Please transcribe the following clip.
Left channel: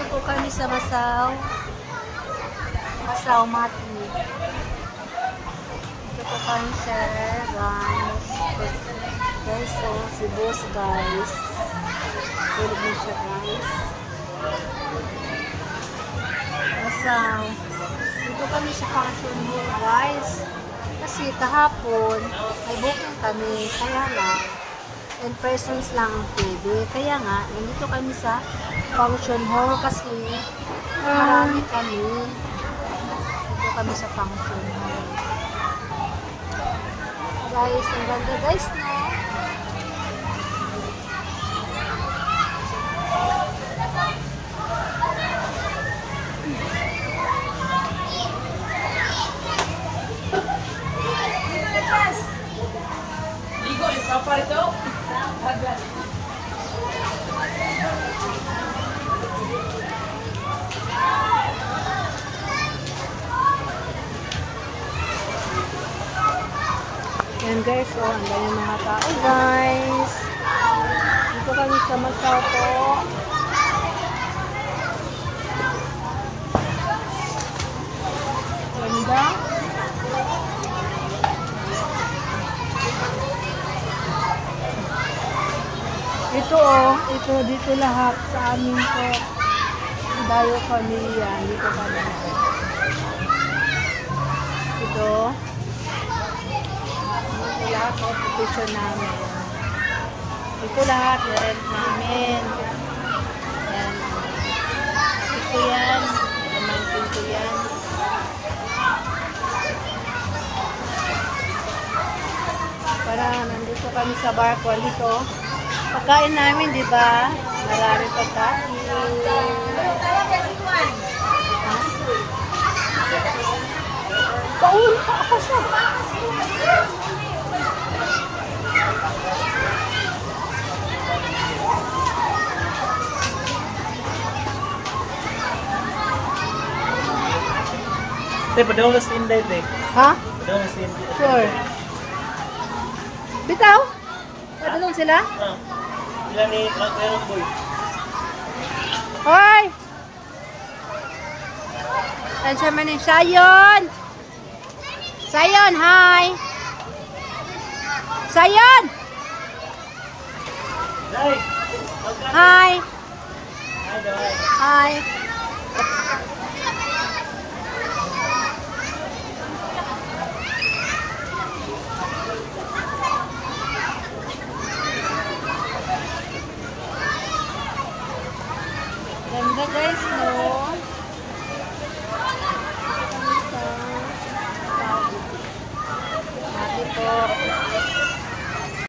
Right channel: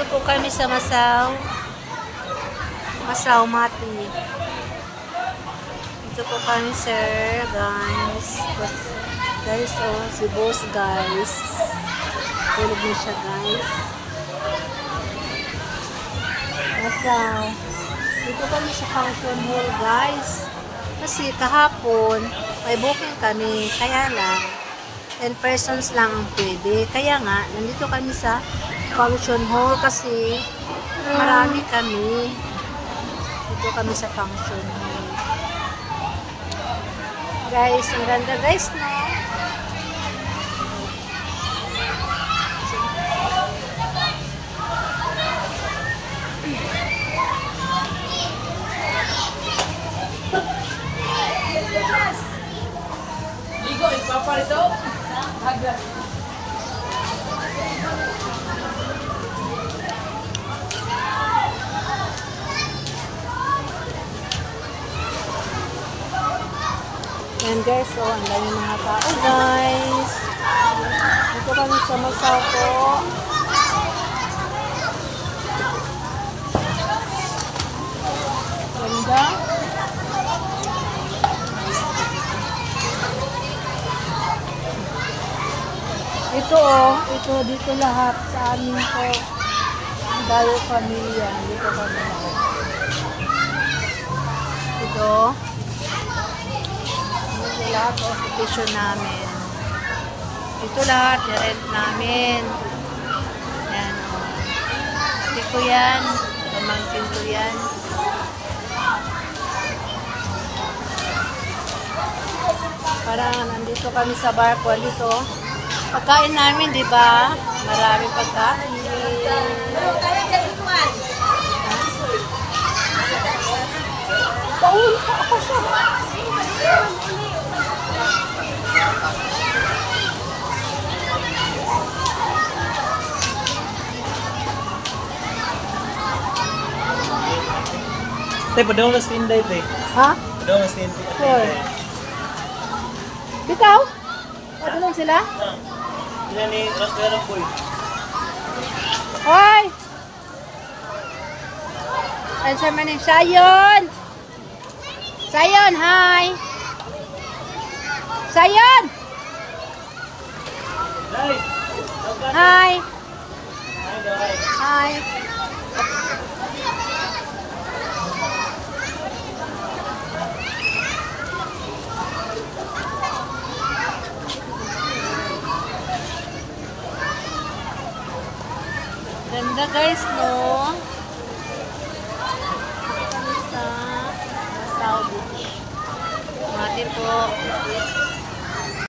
Dito po kami sa Masaw Mati. Dito po kami, sir, guys. Guys, oh, si boss, guys. Tulog na siya, guys. Masaw. Dito kami sa function hall, guys. Kasi kahapon, may booking kami. Kaya lang, 10 persons lang pwede. Kaya nga, nandito kami sa function hall kasi marami kami. Dito kami sa function hall. Guys, ang ganda guys, no? Ligo, ipaparito. Agad. Yan guys, so ang dami mga tao guys. Dito kami sa Masaw po. Ganda. Ito oh, ito dito lahat sa amin to. Dayo pamilya, dito kami lahat. Ito. Ito lahat o petition namin. Ito lahat, i-rent namin. Yan o. Ate ko yan. Pamangkin ko yan. Parang nandito kami sa barko. Dito. Pagkain namin, di ba? Marami pagkain. Paul pa ako sa... Tay, padawang ka stinday, tay. Ha? Padawang ka stinday. Sure. Bitaw? Padulong sila? Ilan ni Magkarong boy? Hoy! Ano siya man yung Sayon? Sayon, hi! Sayon! Day! Hi! Hi, Day. Hi! Ganda guys, no? Kami sa Masaw Beach. Mati po.